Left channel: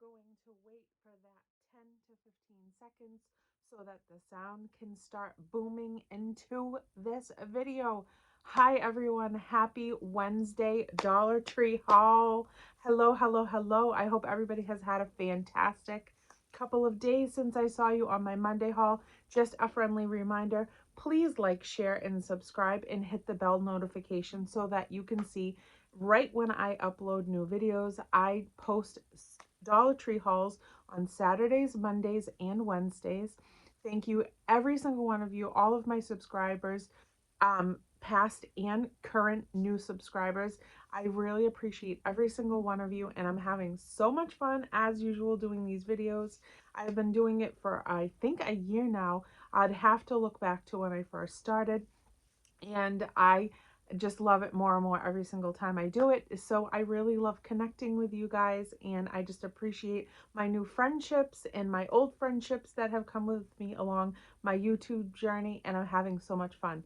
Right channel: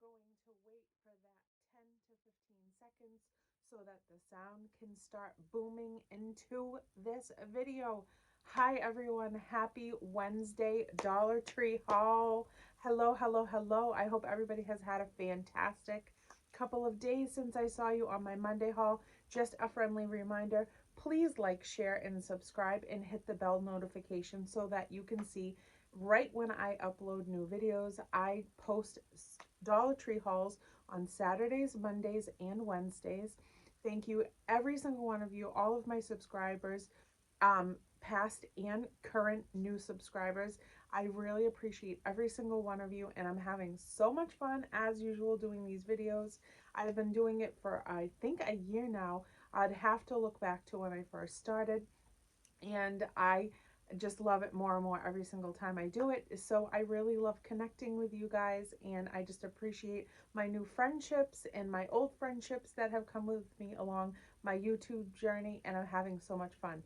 going to wait for that 10 to 15 seconds so that the sound can start booming into this video. Hi everyone, happy Wednesday Dollar Tree haul. Hello, hello, hello. I hope everybody has had a fantastic couple of days since I saw you on my Monday haul. Just a friendly reminder, please like, share, and subscribe and hit the bell notification so that you can see right when I upload new videos. I post Dollar Tree hauls on Saturdays, Mondays, and Wednesdays. Thank you, every single one of you, all of my subscribers, past and current new subscribers. I really appreciate every single one of you, and I'm having so much fun as usual doing these videos. I've been doing it for I think a year now. I'd have to look back to when I first started, and I just love it more and more every single time I do it. So I really love connecting with you guys, and I just appreciate my new friendships and my old friendships that have come with me along my YouTube journey, and I'm having so much fun.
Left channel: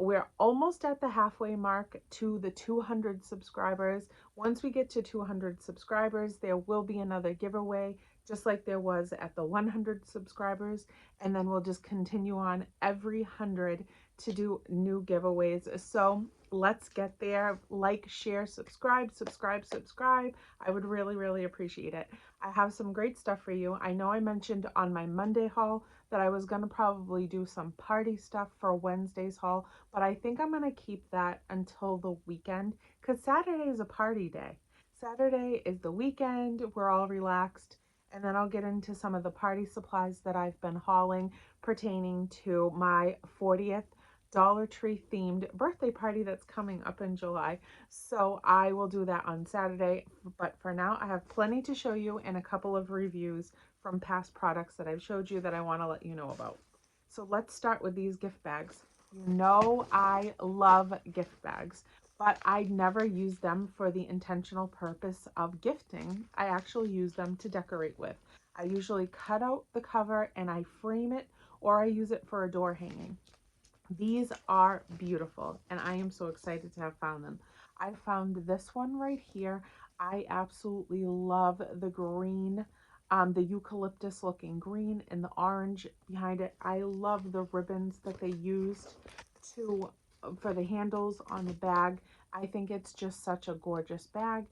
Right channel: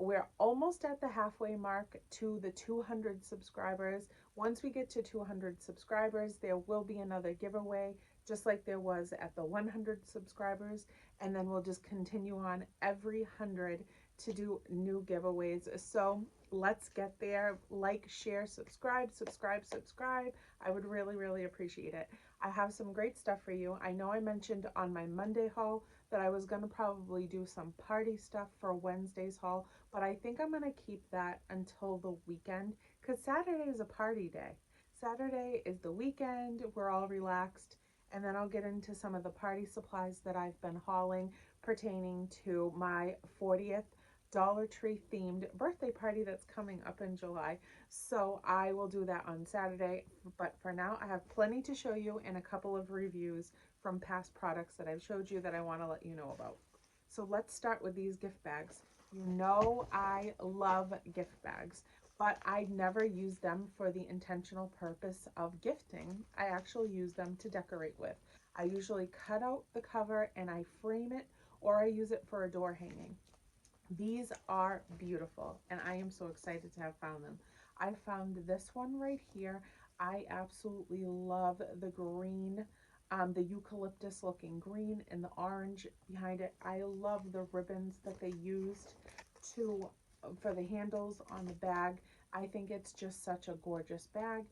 We're almost at the halfway mark to the 200 subscribers. Once we get to 200 subscribers, there will be another giveaway, just like there was at the 100 subscribers. And then we'll just continue on every 100 to do new giveaways. So let's get there. Like, share, subscribe, subscribe, subscribe. I would really, really appreciate it. I have some great stuff for you. I know I mentioned on my Monday haul that I was going to probably do some party stuff for Wednesday's haul, but I think I'm going to keep that until the weekend because Saturday is a party day. Saturday is the weekend. We're all relaxed. And then I'll get into some of the party supplies that I've been hauling pertaining to my 40th Dollar Tree themed birthday party that's coming up in July. So I will do that on Saturday. But for now, I have plenty to show you and a couple of reviews from past products that I've showed you that I want to let you know about. So let's start with these gift bags. You know I love gift bags, but I never use them for the intentional purpose of gifting. I actually use them to decorate with. I usually cut out the cover and I frame it, or I use it for a door hanging. These are beautiful, and I am so excited to have found them. I found this one right here. I absolutely love the green, the eucalyptus looking green and the orange behind it. I love the ribbons that they used to for the handles on the bag. I think it's just such a gorgeous bag,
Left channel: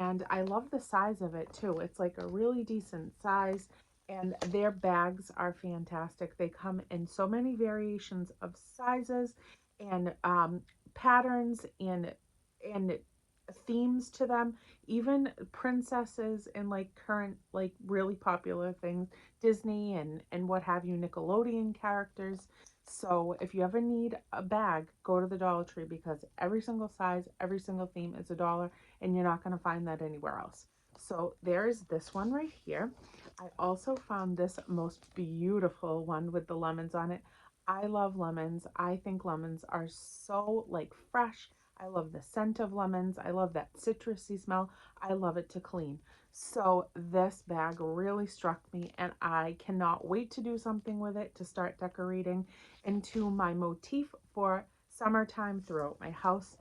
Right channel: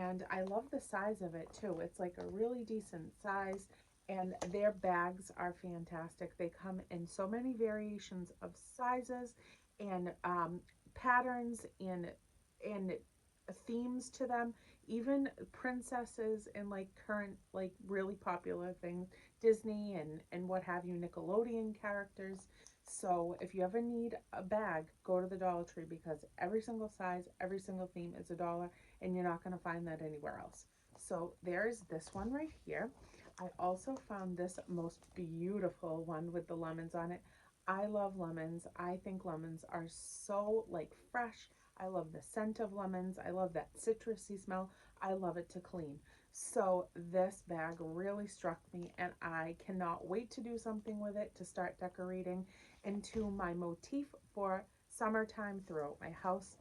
and I love the size of it too. It's like a really decent size, and their bags are fantastic. They come in so many variations of sizes and patterns and themes to them, even princesses and like current, like really popular things, Disney and what have you, Nickelodeon characters. So if you ever need a bag, go to the Dollar Tree because every single size, every single theme is $1, and you're not going to find that anywhere else. So there's this one right here. I also found this most beautiful one with the lemons on it. I love lemons. I think lemons are so like fresh. I love the scent of lemons. I love that citrusy smell. I love it to clean. So this bag really struck me, and I cannot wait to do something with it to start decorating into my motif for summertime throughout my house.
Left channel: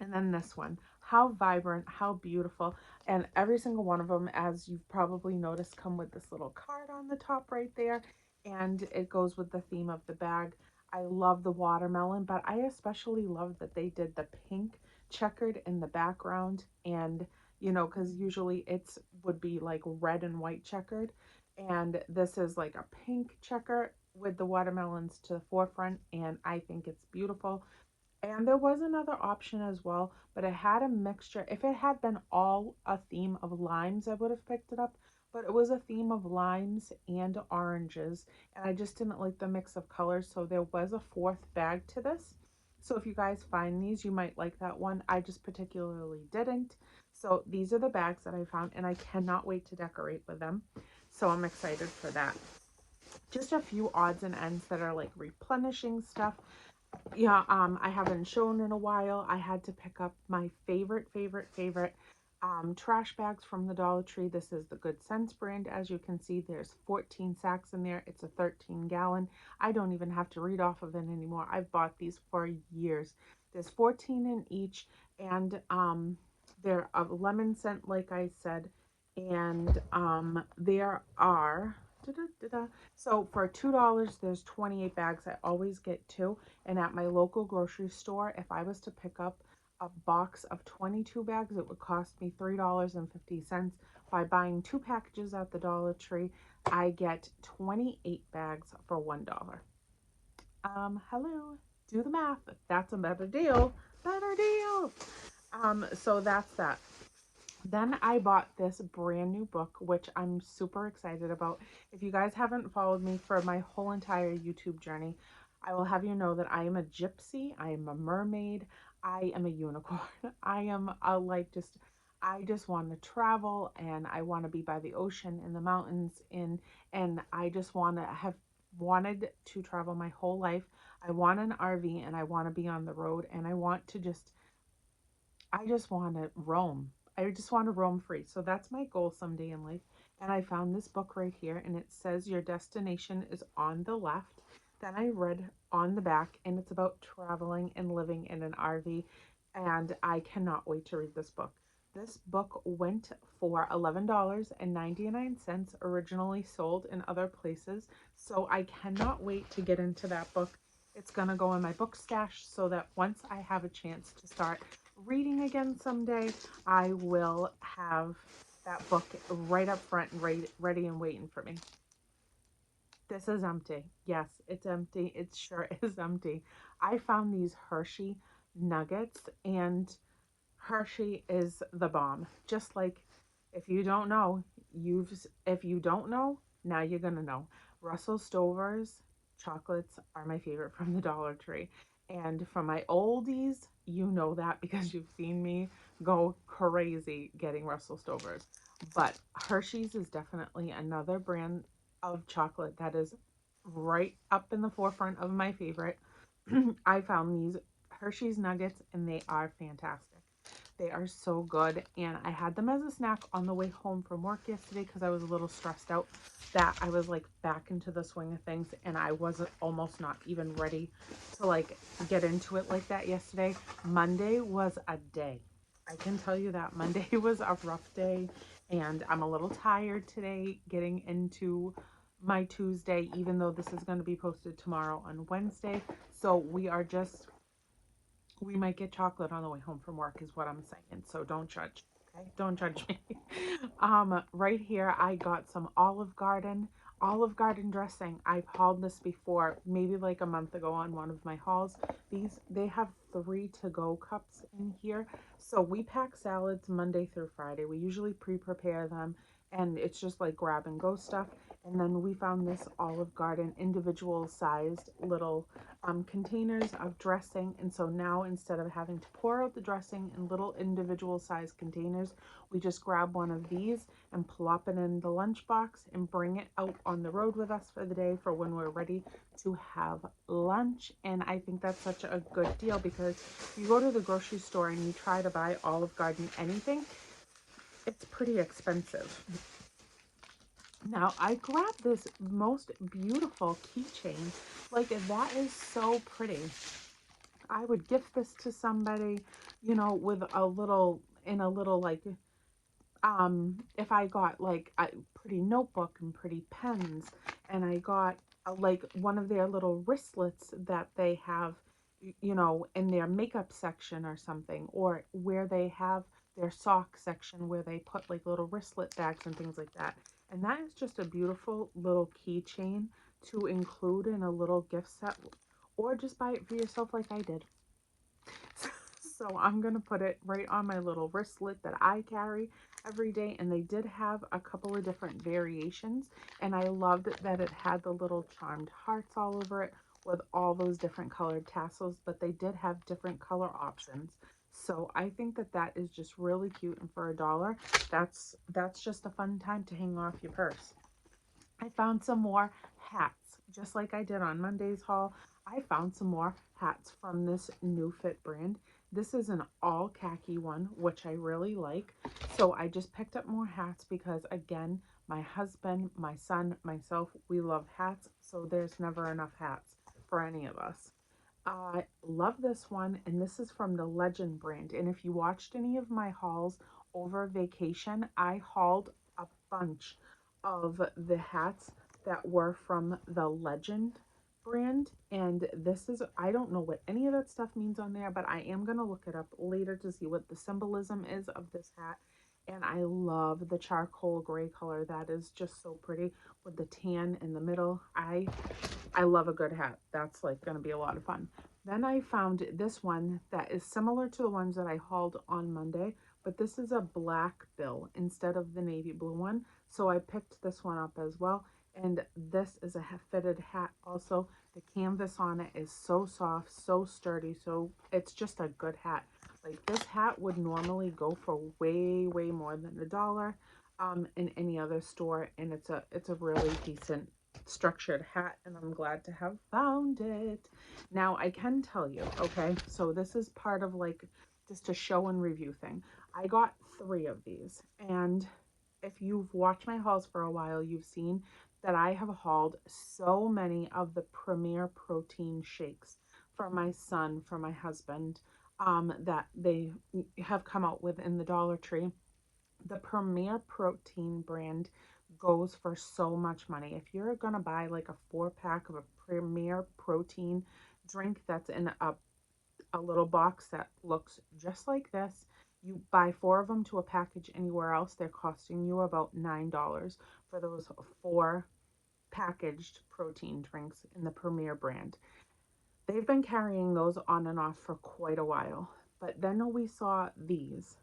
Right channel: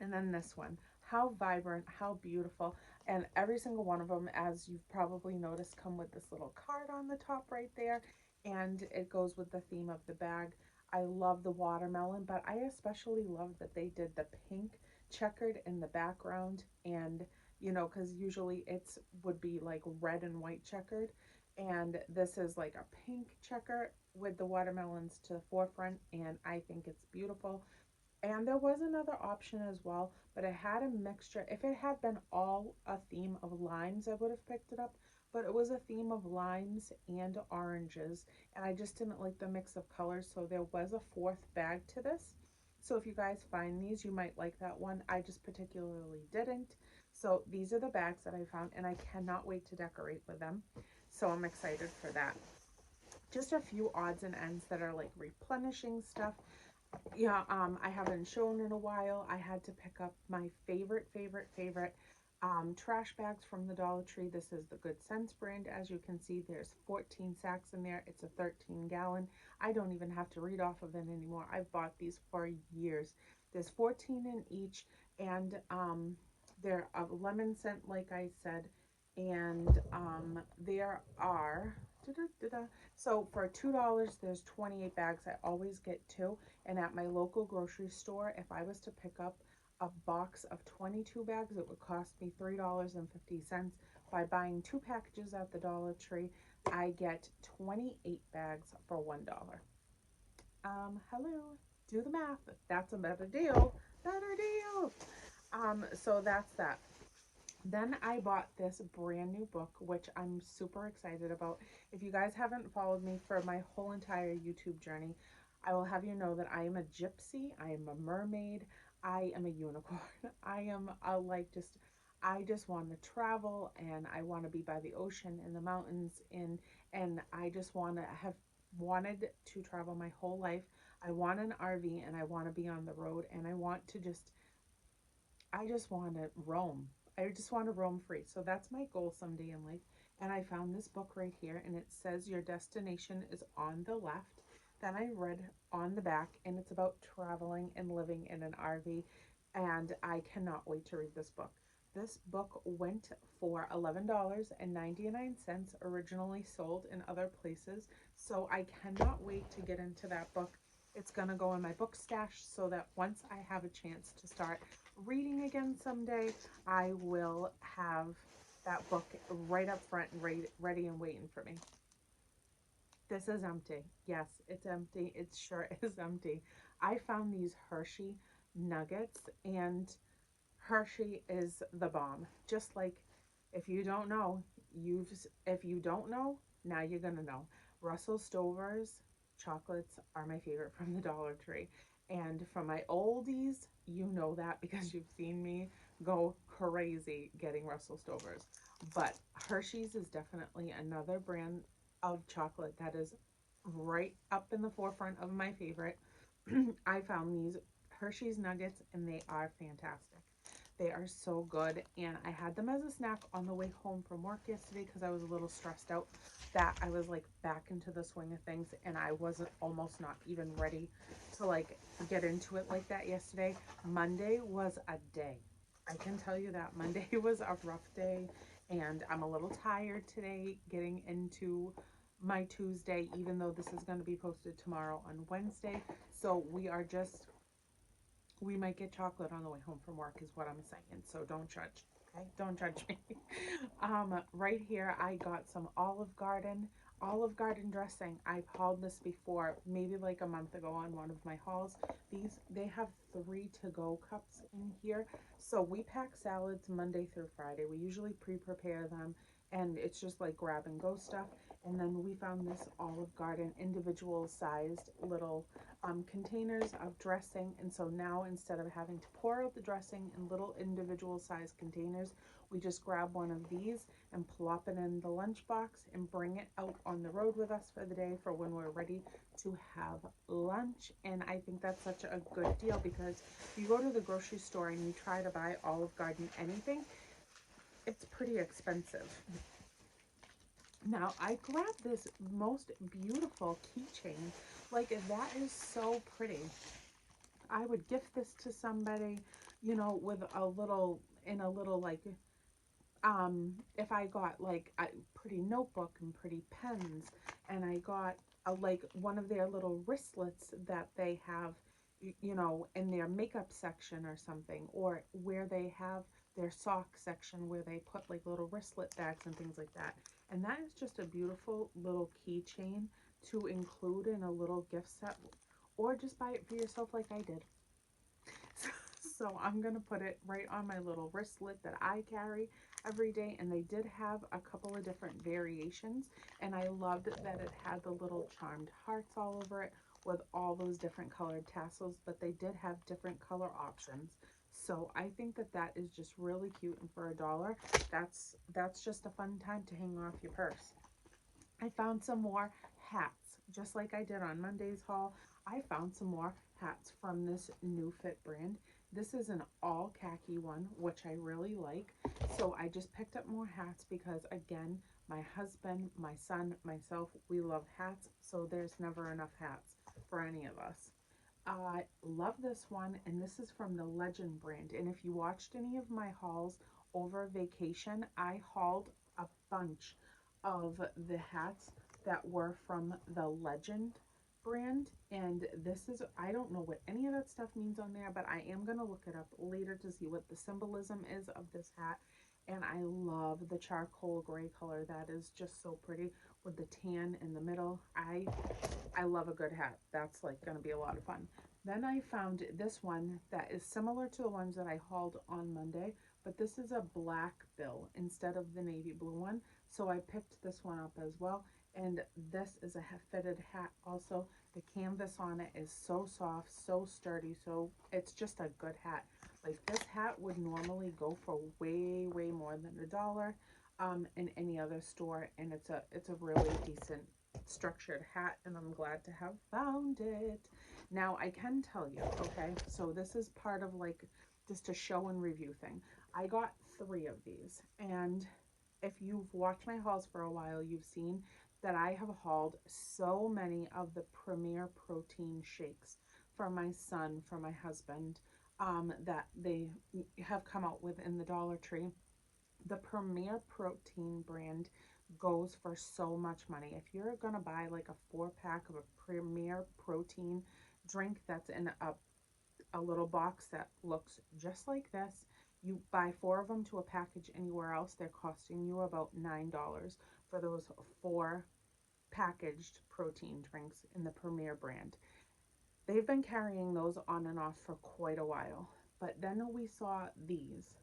And then this one, how vibrant, how beautiful. And every single one of them, as you've probably noticed, come with this little card on the top right there. And it goes with the theme of the bag. I love the watermelon, but I especially love that they did the pink checkered in the background. And, you know, because usually it's would be like red and white checkered. And this is like a pink checker with the watermelons to the forefront. And I think it's beautiful. And there was another option as well, but it had a mixture. If it had been all a theme of limes, I would have picked it up. But it was a theme of limes and oranges, and I just didn't like the mix of colors, so there was a fourth bag to this. So if you guys find these, you might like that one. I just particularly didn't. So these are the bags that I found, and I cannot wait to decorate with them. So I'm excited for that. Just a few odds and ends that are like replenishing stuff. Yeah, I haven't shown in a while. I had to pick up my favorite trash bags from the Dollar Tree. This is the Good Sense brand. As you can see, there's 14 sacks in there. It's a 13-gallon. I don't even have to read off of it anymore. I've bought these for years. There's 14 in each, and they're a lemon scent, like I said, and there are so for $2 there's 28 bags. I always get two, and at my local grocery store, if I was to pick up a box of 22 bags, it would cost me $3.50. By buying two packages at the Dollar Tree, I get 28 bags for $1. Hello, do the math. That's a better deal. Better deal. So that's that. Then I bought this brand new book, which I'm super excited about. If you guys haven't followed me for my whole entire YouTube journey, I will have you know that I am a gypsy, I am a mermaid, I am a unicorn. I am a I just want to travel, and I want to be by the ocean and the mountains, and I just want to have wanted to travel my whole life. I want an RV, and I want to be on the road, and I just want to roam. I just want to roam free. So that's my goal someday in life. And I found this book right here, and it says your destination is on the left. Then I read on the back, and it's about traveling and living in an RV. And I cannot wait to read this book. This book went for $11.99, originally sold in other places. So I cannot wait to get into that book. It's going to go in my book stash so that once I have a chance to start reading again someday, I will have that book right up front and ready and waiting for me. This is empty. Yes, it's empty. It sure is empty. I found these Hershey nuggets, and Hershey is the bomb. Just like, if you don't know, if you don't know, now you're gonna know. Russell Stover's chocolates are my favorite from the Dollar Tree. And for my oldies, you know that because you've seen me go crazy getting Russell Stover's. But Hershey's is definitely another brand of chocolate that is right up in the forefront of my favorite. I found these Hershey's nuggets, and they are fantastic. They are so good, and I had them as a snack on the way home from work yesterday because I was a little stressed out that I was like back into the swing of things, and I wasn't almost not even ready to like get into it like that yesterday. Monday was a day. I can tell you that Monday was a rough day, and I'm a little tired today getting into my Tuesday, even though this is going to be posted tomorrow on Wednesday. So we might get chocolate on the way home from work is what I'm saying. So don't judge. Okay? Don't judge me. Right here, I got some Olive Garden dressing. I've hauled this before, maybe like a month ago on one of my hauls. They have 3 to-go cups in here. So we pack salads Monday through Friday. We usually pre-prepare them, and it's just like grab and go stuff. And then we found this Olive Garden individual sized little containers of dressing, and so now instead of having to pour out the dressing in little individual sized containers, we just grab one of these and plop it in the lunchbox and bring it out on the road with us for the day for when we're ready to have lunch. And I think that's such a good deal, because if you go to the grocery store and you try to buy Olive Garden anything, it's pretty expensive. Now, I grabbed this most beautiful keychain. Like, that is so pretty. I would gift this to somebody, with in a little, like, if I got, like, a pretty notebook and pretty pens, and I got, like, one of their little wristlets that they have, in their makeup section or something, or where they have their sock section where they put, like, little wristlet bags and things like that. And that is just a beautiful little keychain to include in a little gift set, or just buy it for yourself like I did. So I'm going to put it right on my little wristlet that I carry every day. And they did have a couple of different variations, and I loved that it had the little charmed hearts all over it with all those different colored tassels, but they did have different color options. So I think that that is just really cute, and for $1, that's just a fun time to hang off your purse. I found some more hats, just like I did on Monday's haul. I found some more hats from this New Fit brand. This is an all khaki one, which I really like. So I just picked up more hats because, again, my husband, my son, myself, we love hats. So there's never enough hats for any of us. I love this one, and this is from the Legend brand. And if you watched any of my hauls over vacation, I hauled a bunch of the hats that were from the Legend brand. And this is, I don't know what any of that stuff means on there, but I am going to look it up later to see what the symbolism is of this hat. And I love the charcoal gray color. That is just so pretty with the tan in the middle. I love a good hat. That's like going to be a lot of fun. Then I found this one that is similar to the ones that I hauled on Monday, but this is a black bill instead of the navy blue one. So I picked this one up as well. And this is a fitted hat also. The canvas on it is so soft, so sturdy. So it's just a good hat. Like this hat would normally go for way, way more than $1 in any other store. And it's a really decent structured hat, and I'm glad to have found it. Now I can tell you, okay, so this is part of like just a show and review thing. I got 3 of these, and if you've watched my hauls for a while, you've seen that I have hauled so many of the Premier Protein shakes for my son, for my husband, that they have come out with in the Dollar Tree. The Premier Protein brand goes for so much money. If you're gonna buy like a 4-pack of a Premier Protein drink that's in a little box that looks just like this, you buy 4 of them to a package anywhere else, they're costing you about $9 for those 4 packaged protein drinks in the Premier brand. They've been carrying those on and off for quite a while. But then we saw these.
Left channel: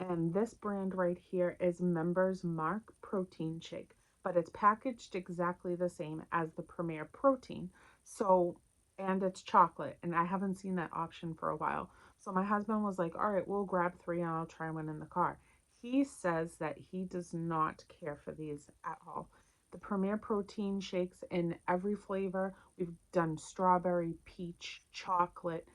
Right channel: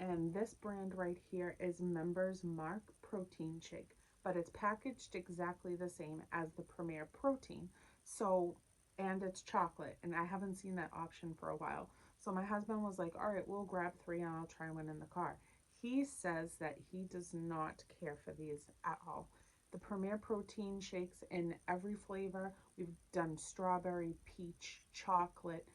And this brand right here is Members Mark Protein Shake, but it's packaged exactly the same as the Premier Protein. So, and it's chocolate, and I haven't seen that option for a while. So my husband was like, all right, we'll grab 3 and I'll try one in the car. He says that he does not care for these at all. The Premier Protein shakes in every flavor. We've done strawberry, peach, chocolate,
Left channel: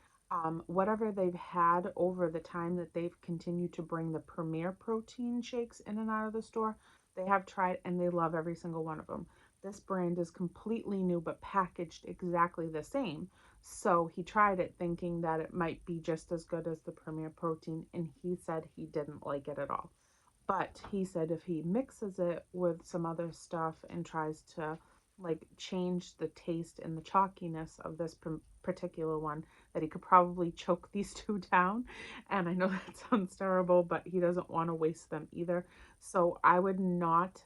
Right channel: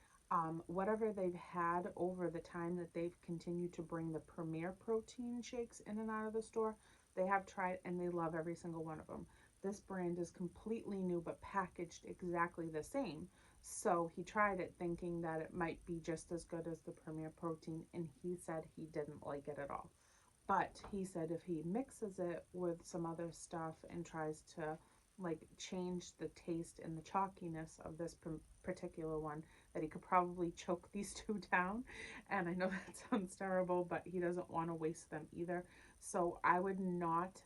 whatever they've had over the time that they've continued to bring the Premier Protein shakes in and out of the store, they have tried and they love every single one of them. This brand is completely new but packaged exactly the same. So he tried it thinking that it might be just as good as the Premier Protein, and he said he didn't like it at all. But he said if he mixes it with some other stuff and tries to like change the taste and the chalkiness of this particular one, that he could probably choke these 2 down. And I know that sounds terrible, but he doesn't want to waste them either. So I would not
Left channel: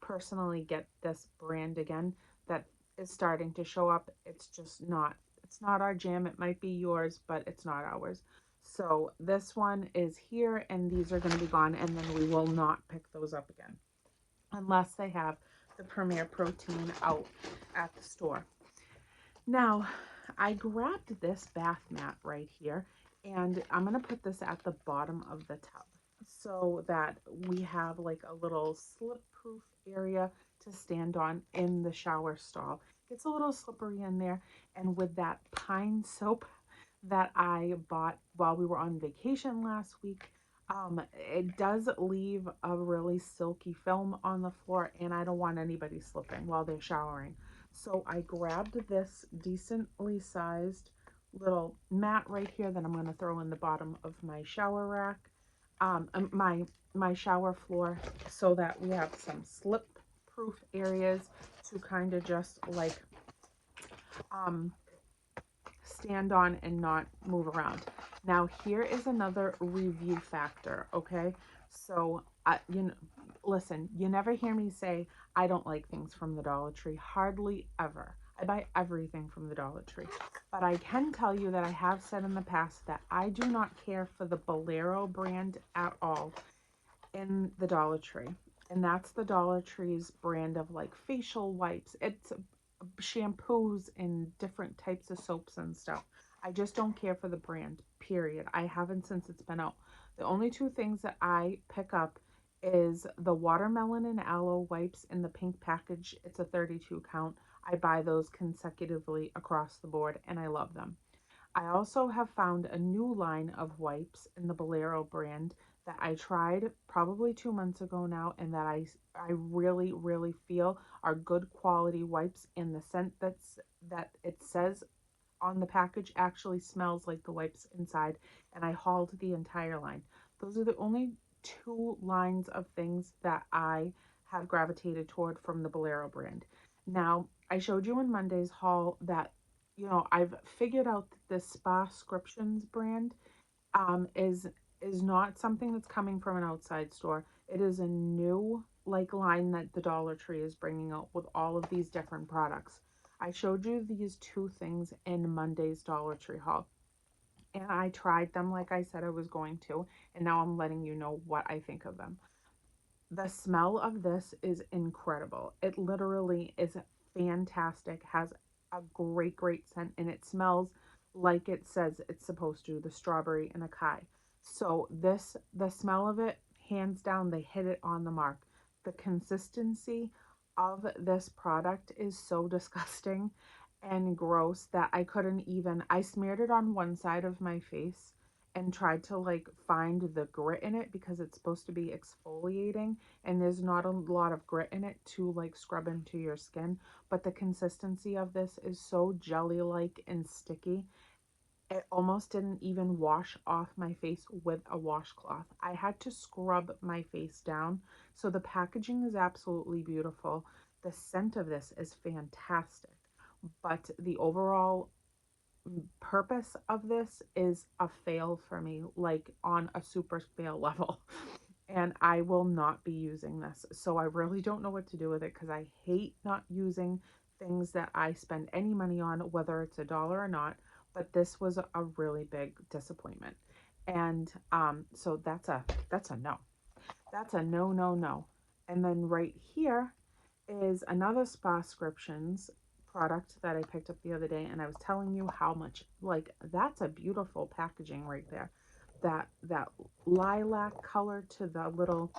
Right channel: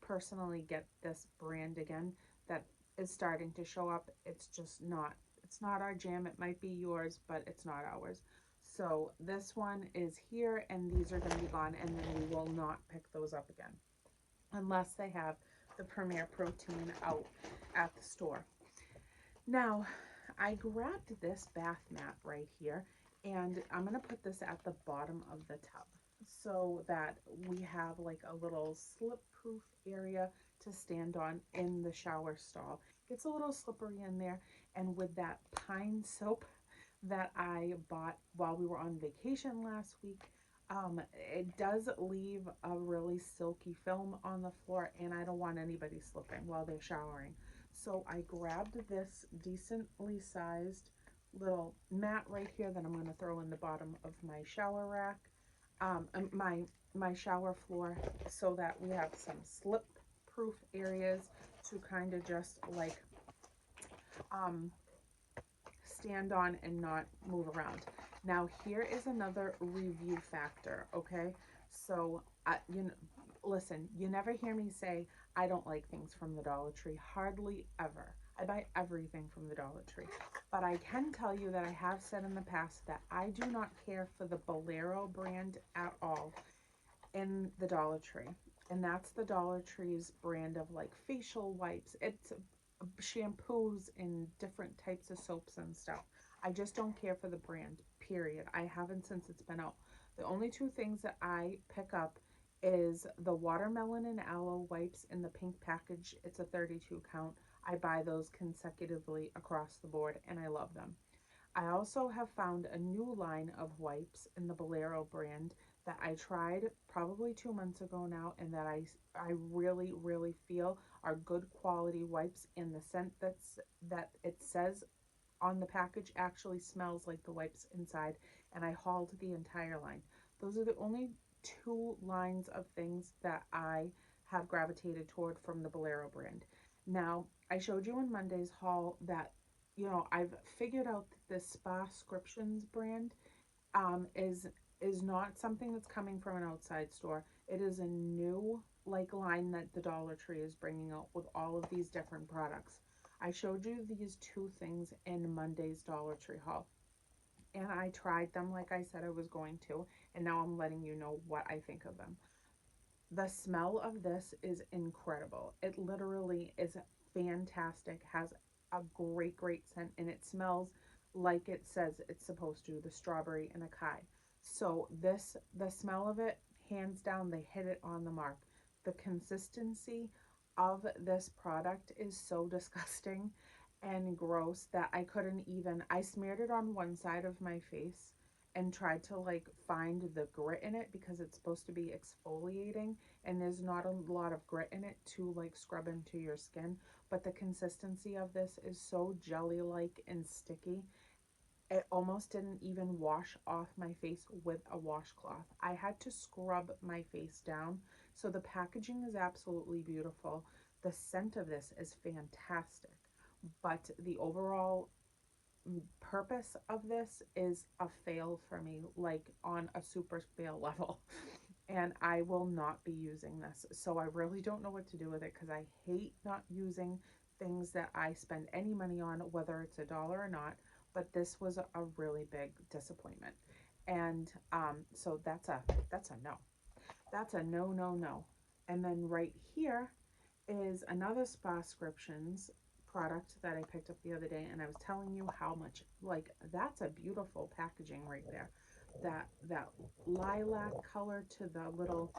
personally get this brand again that is starting to show up. It's just not, it's not our jam. It might be yours, but it's not ours. So this one is here, and these are going to be gone, and then we will not pick those up again unless they have the Premier Protein out at the store. Now, I grabbed this bath mat right here, and I'm going to put this at the bottom of the tub so that we have like a little slip-proof area to stand on in the shower stall. It's a little slippery in there, and with that pine soap that I bought while we were on vacation last week, it does leave a really silky film on the floor, and I don't want anybody slipping while they're showering. So I grabbed this decently sized little mat right here that I'm going to throw in the bottom of my shower rack, my shower floor, so that we have some slip-proof areas to kind of just like stand on and not move around. Now here is another review factor, okay? So listen, you never hear me say I don't like things from the Dollar Tree, hardly ever. I buy everything from the Dollar Tree. But I can tell you that I have said in the past that I do not care for the Bolero brand at all in the Dollar Tree. And that's the Dollar Tree's brand of like facial wipes. It's shampoos and different types of soaps and stuff. I just don't care for the brand, period. I haven't since it's been out. The only 2 things that I pick up is the watermelon and aloe wipes in the pink package. It's a 32 count. I buy those consecutively across the board, and I love them. I also have found a new line of wipes in the Bolero brand that I tried probably 2 months ago now, and that I really, really feel are good quality wipes, and the scent that it says on the package actually smells like the wipes inside, and I hauled the entire line. Those are the only two lines of things that I have gravitated toward from the Bolero brand. Now, I showed you in Monday's haul that, I've figured out that this Spascriptions brand is not something that's coming from an outside store. It is a new line that the Dollar Tree is bringing out with all of these different products. I showed you these two things in Monday's Dollar Tree haul, and I tried them like I said I was going to, and now I'm letting you know what I think of them. The smell of this is incredible. It literally is fantastic, has a great scent, and it smells like it says it's supposed to, the strawberry and acai. So the smell of it, hands down, they hit it on the mark. The consistency of this product is so disgusting and gross that I smeared it on one side of my face and tried to find the grit in it because it's supposed to be exfoliating, and there's not a lot of grit in it to scrub into your skin, but the consistency of this is so jelly-like and sticky. It almost didn't even wash off my face with a washcloth. I had to scrub my face down. So the packaging is absolutely beautiful. The scent of this is fantastic, but the overall purpose of this is a fail for me, on a super fail level. And I will not be using this. So I really don't know what to do with it because I hate not using things that I spend any money on, whether it's $1 or not. But this was a really big disappointment. And so that's a no. That's a no. And then right here is another Spascriptions product that I picked up the other day, and I was telling you how much, that's a beautiful packaging right there. That lilac color to the little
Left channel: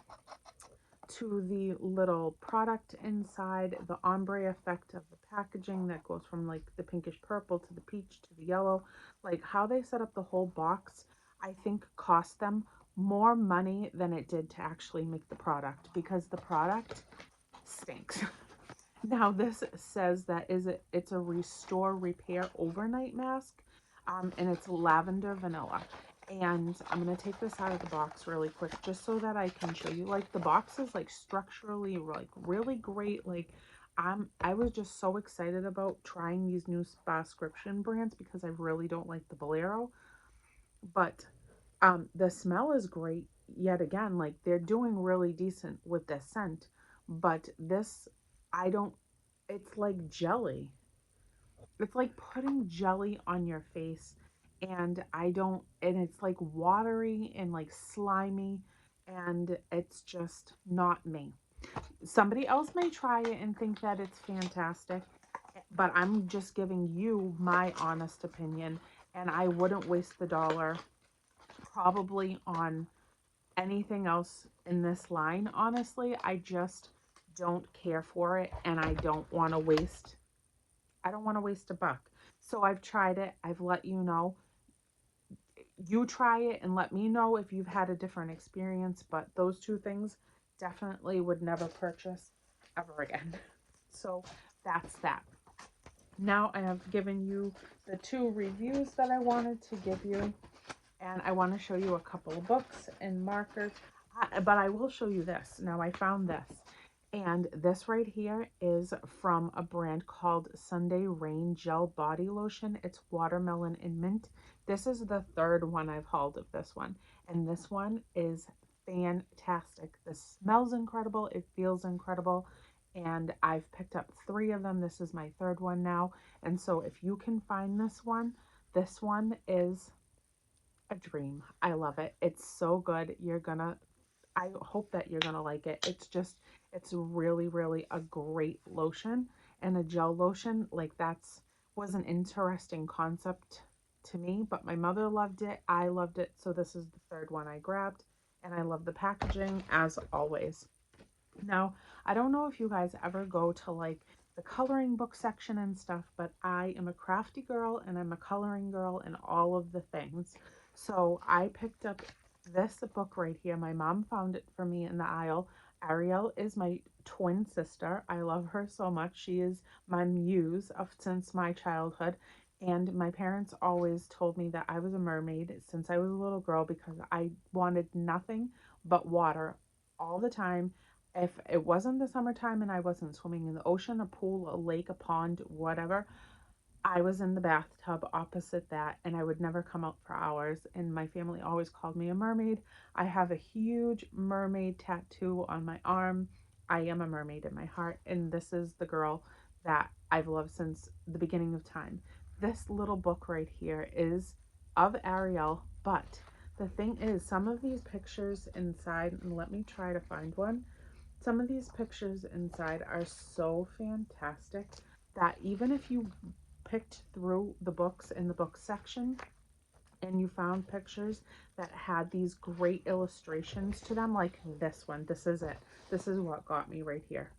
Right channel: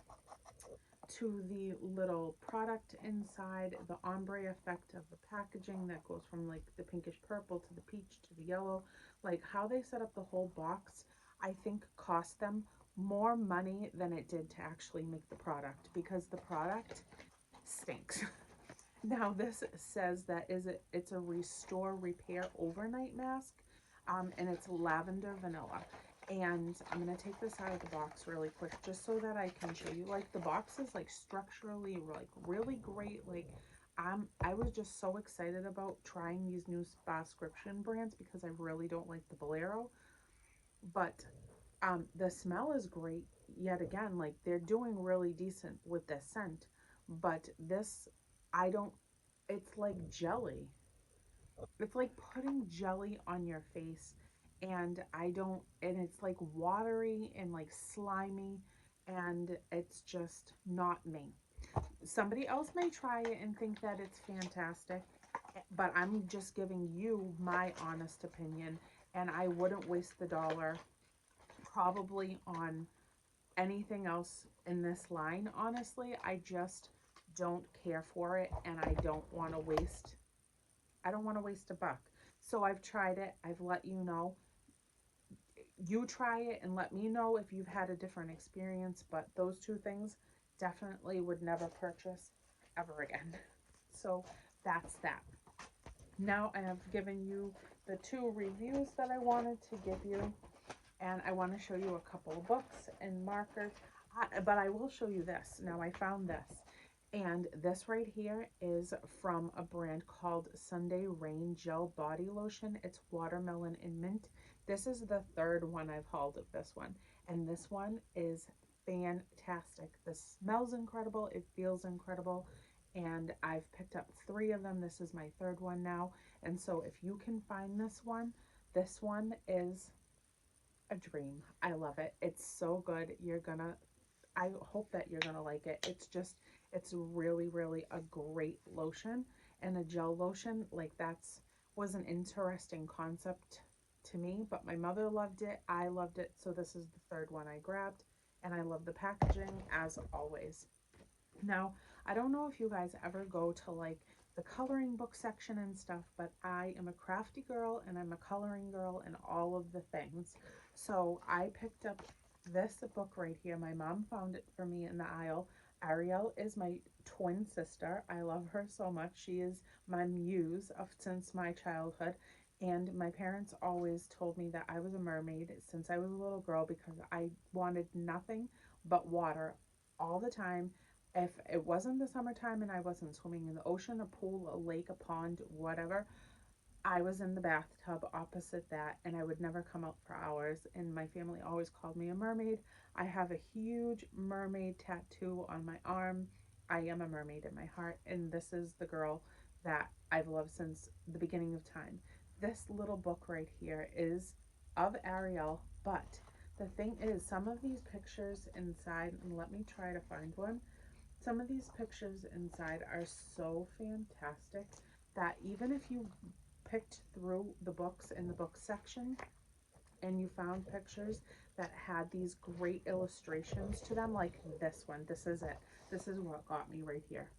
product inside, the ombre effect of the packaging that goes from the pinkish purple to the peach to the yellow, how they set up the whole box, I think cost them more money than it did to actually make the product, because the product stinks. Now this says that it's a restore repair overnight mask, and it's lavender vanilla. And I'm going to take this out of the box really quick just so that I can show you. The box is structurally really great. I was just so excited about trying these new Spascription brands because I really don't like the Bolero. But the smell is great yet again. They're doing really decent with this scent. But this, it's like jelly. It's like putting jelly on your face, and it's watery and slimy, and it's just not me. Somebody else may try it and think that it's fantastic, but I'm just giving you my honest opinion, and I wouldn't waste the $1 probably on anything else in this line. Honestly, I just don't care for it, and I don't want to waste a buck. So I've tried it. I've let you know. You try it and let me know if you've had a different experience, but those two things definitely would never purchase ever again. So that's that. Now I have given you the two reviews that I wanted to give you, and I want to show you a couple of books and markers, but I will show you this. Now I found this, and this right here is from a brand called Sunday Rain Gel Body Lotion. It's watermelon and mint. This is the third one I've hauled of this one, and this one is fantastic. This smells incredible. It feels incredible, and I've picked up 3 of them. This is my third one now, and so if you can find this one is a dream. I love it. It's so good. I hope that you're gonna like it. It's really a great lotion, and a gel lotion was an interesting concept to me, but my mother loved it. I loved it. So this is the third one I grabbed, and I love the packaging as always. Now, I don't know if you guys ever go to the coloring book section and stuff, but I am a crafty girl and I'm a coloring girl and all of the things. So I picked up this book right here. My mom found it for me in the aisle. Ariel is my twin sister. I love her so much. She is my muse since my childhood. And my parents always told me that I was a mermaid since I was a little girl because I wanted nothing but water all the time. If it wasn't the summertime and I wasn't swimming in the ocean, a pool, a lake, a pond, whatever, I was in the bathtub opposite that, and I would never come out for hours. And my family always called me a mermaid. I have a huge mermaid tattoo on my arm. I am a mermaid in my heart, and this is the girl that I've loved since the beginning of time. This little book right here is of Ariel, but the thing is, some of these pictures inside, and let me try to find one. Some of these pictures inside are so fantastic that even if you picked through the books in the book section and you found pictures that had these great illustrations to them, like this one, this is it. This is what got me right here.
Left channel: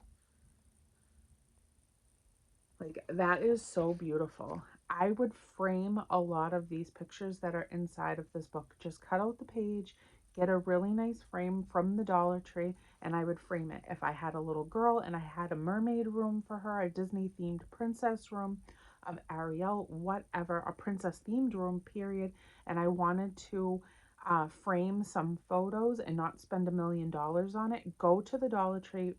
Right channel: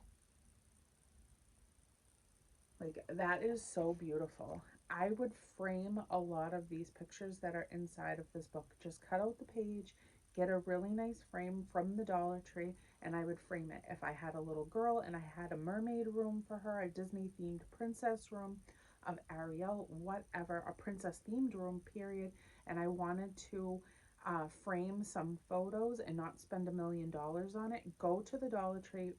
Like, that is so beautiful. I would frame a lot of these pictures that are inside of this book. Just cut out the page, get a really nice frame from the Dollar Tree, and I would frame it. If I had a little girl and I had a mermaid room for her, a Disney themed princess room of Ariel, whatever, a princess themed room, period, and I wanted to frame some photos and not spend $1 million on it, go to the Dollar Tree,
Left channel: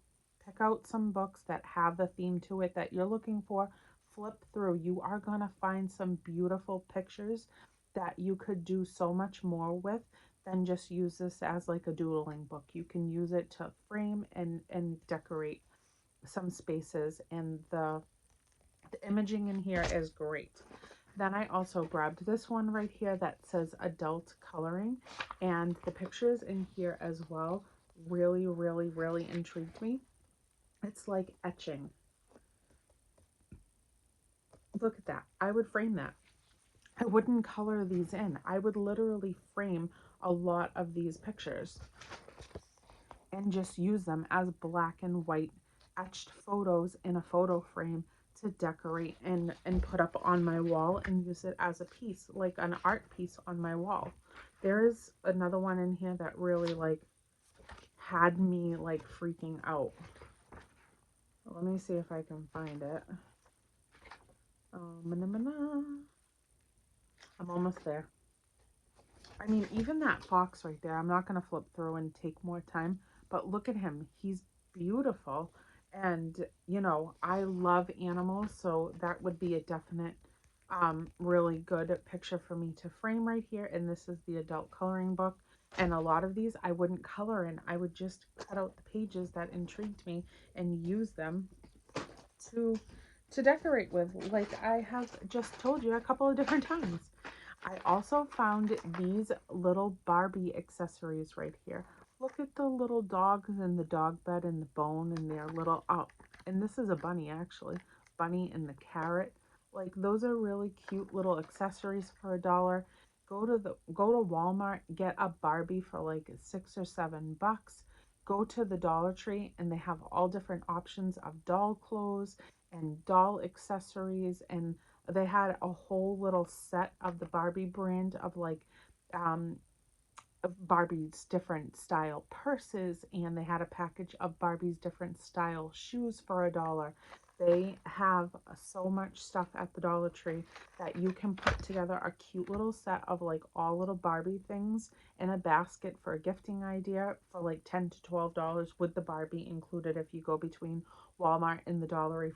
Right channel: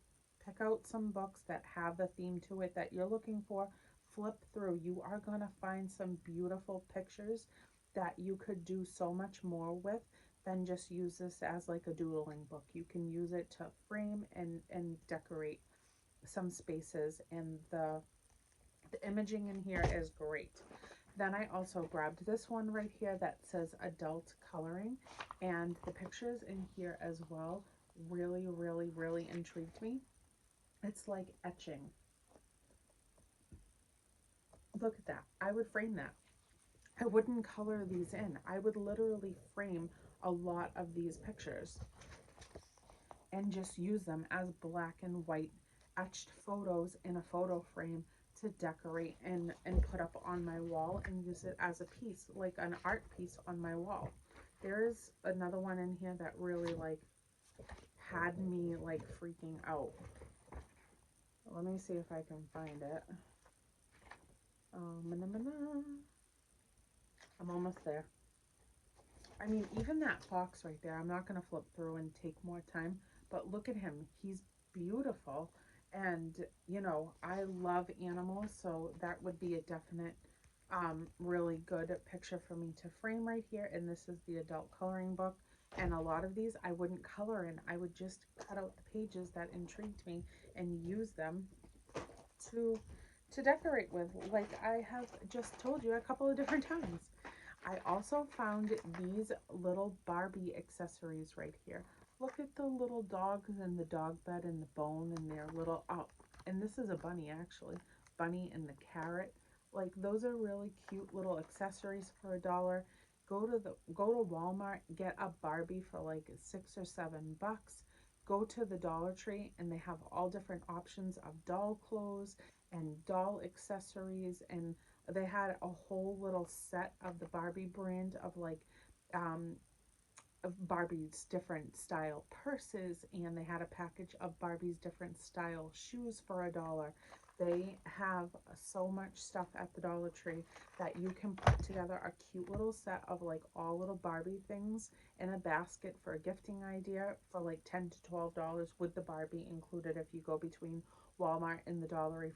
pick out some books that have the theme to it that you're looking for, flip through. You are going to find some beautiful pictures that you could do so much more with than just use this as like a doodling book. You can use it to frame and decorate some spaces, and the imaging in here is great. Then I also grabbed this one right here that says adult coloring, and the pictures in here as well really, really, really intrigued me. It's like etching. Look at that. I would frame that. I wouldn't color these in. I would literally frame a lot of these pictures and just use them as black and white etched photos in a photo frame to decorate and put up on my wall and use it as a piece, like an art piece on my wall. There is another one in here that really like had me like freaking out. Let me see if I can find it. I'm almost there. I mean, even that fox right there, I'm not going to flip through and take more time, but look at him. He's beautiful. And, you know, I love animals, so that would be a definite, really good picture for me to frame right here. And this is the adult coloring book. And a lot of these I wouldn't color in. I would just cut out the pages that intrigued me and use them to decorate with, like I have just told you a couple of different times. I also found these little Barbie accessories right here. Look at the little dogs and the dog bed and the bone and their little, oh, and this is a bunny actually. Bunny and the carrot. Like, those are really cute little accessories for $1. Go to Walmart, get a Barbie for like $6 or $7. Go to the Dollar Tree and they have all different options of doll clothes and doll accessories, and they had a whole little set of the Barbie brand of like of Barbie's different style purses, and they had a package of Barbie's different style shoes for $1. They have so much stuff at the Dollar Tree that you can put together a cute little set of like all little Barbie things in a basket for a gifting idea for like $10 to $12 with the Barbie included if you go between Walmart and the Dollar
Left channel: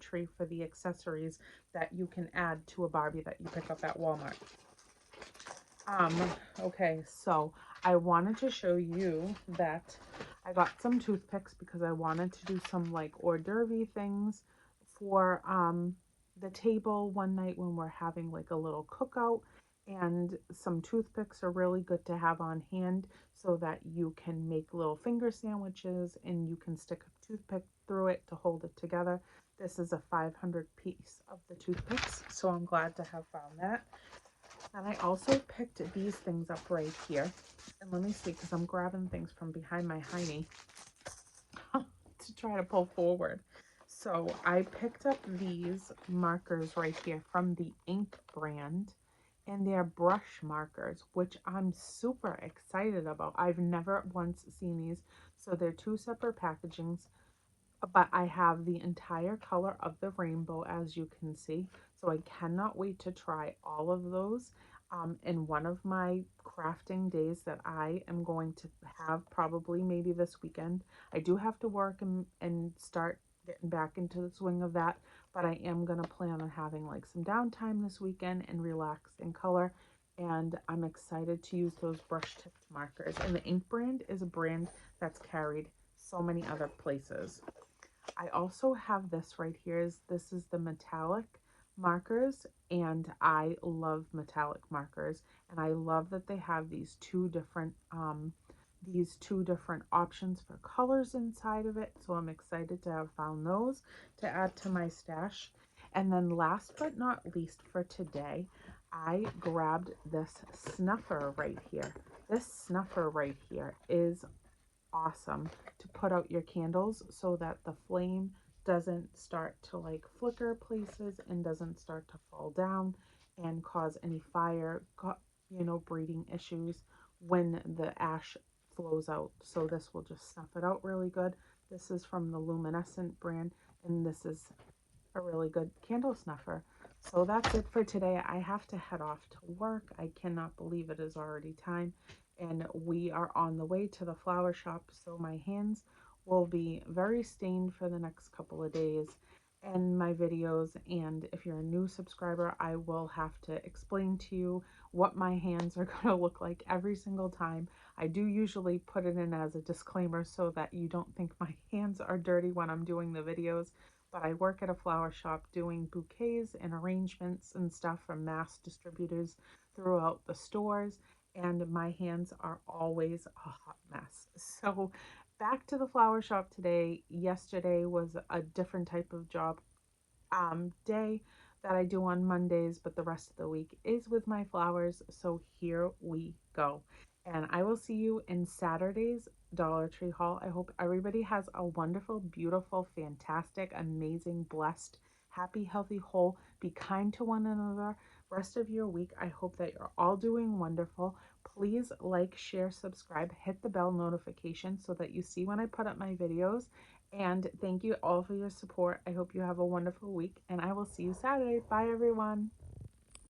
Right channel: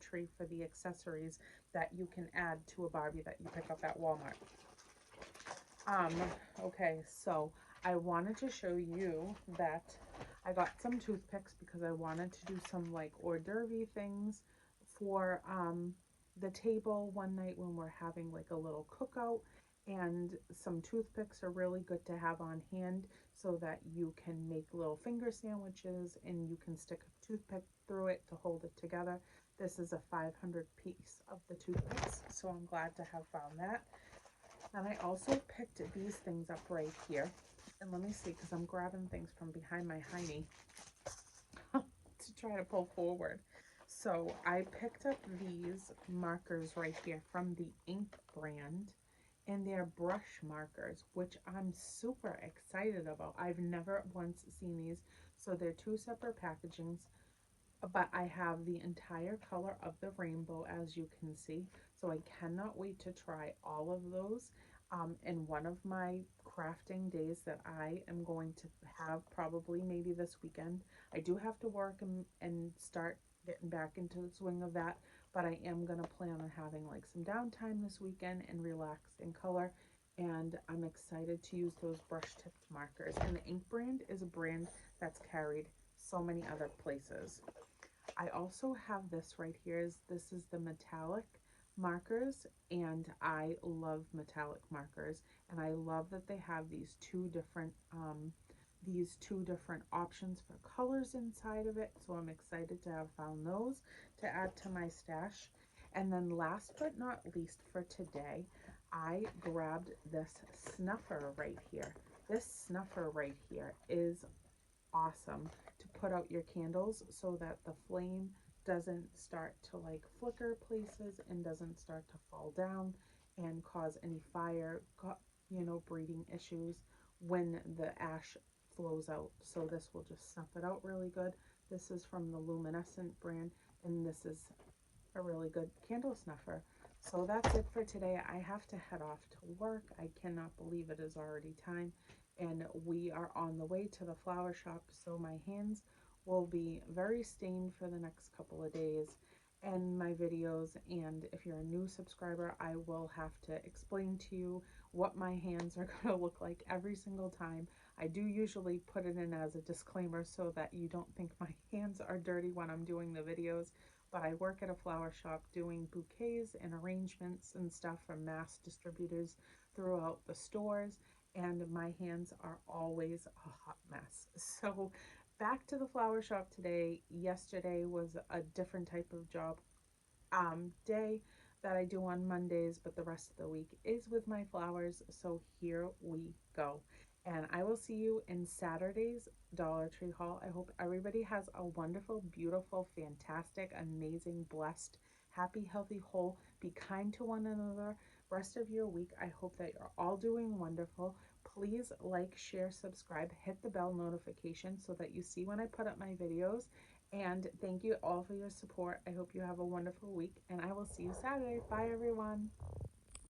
Tree for the accessories that you can add to a Barbie that you pick up at Walmart. Okay, so I wanted to show you that I got some toothpicks because I wanted to do some like hors d'oeuvre things for the table one night when we're having like a little cookout, and some toothpicks are really good to have on hand so that you can make little finger sandwiches and you can stick a toothpick through it to hold it together. This is a 500 piece of the toothpicks, so I'm glad to have found that. And I also picked these things up right here. And let me see, because I'm grabbing things from behind my hiney to try to pull forward. So I picked up these markers right here from the Ink brand. And they're brush markers, which I'm super excited about. I've never once seen these. So they're two separate packagings. but I have the entire color of the rainbow, as you can see. So I cannot wait to try all of those in one of my crafting days that I am going to have probably maybe this weekend. I do have to work and start getting back into the swing of that, but I am going to plan on having like some downtime this weekend and relax in color. And I'm excited to use those brush tipped markers. And the Ink brand is a brand that's carried so many other places. I also have this right here. This is the metallic markers, and I love metallic markers, and I love that they have these two different options for colors inside of it. So I'm excited to have found those to add to my stash. And then last but not least for today, I grabbed this snuffer right here. This snuffer right here is awesome to put out your candles so that the flame doesn't start to like flicker places and doesn't start to fall down and cause any fire, breathing issues when the ash flows out. So this will just snuff it out really good. This is from the Luminescent brand, and this is a really good candle snuffer. So that's it for today. I have to head off to work. I cannot believe it is already time, and we are on the way to the flower shop, so my hands will be very stained for the next couple of days in my videos. And if you're a new subscriber, I will have to explain to you what my hands are going to look like every single time. I do usually put it in as a disclaimer so that you don't think my hands are dirty when I'm doing the videos, but I work at a flower shop doing bouquets and arrangements and stuff from mass distributors throughout the stores, and my hands are always a hot mess. So back to the flower shop today. Yesterday was a different type of job day that I do on Mondays, but the rest of the week is with my flowers. So here we go. And I will see you in Saturday's Dollar Tree haul. I hope everybody has a wonderful, beautiful, fantastic, amazing, blessed, happy, healthy, whole. Be kind to one another. Rest of your week, I hope that you're all doing wonderful. Please like, share, subscribe, hit the bell notification so that you see when I put up my videos. And thank you all for your support. I hope you have a wonderful week, and I will see you Saturday. Bye, everyone.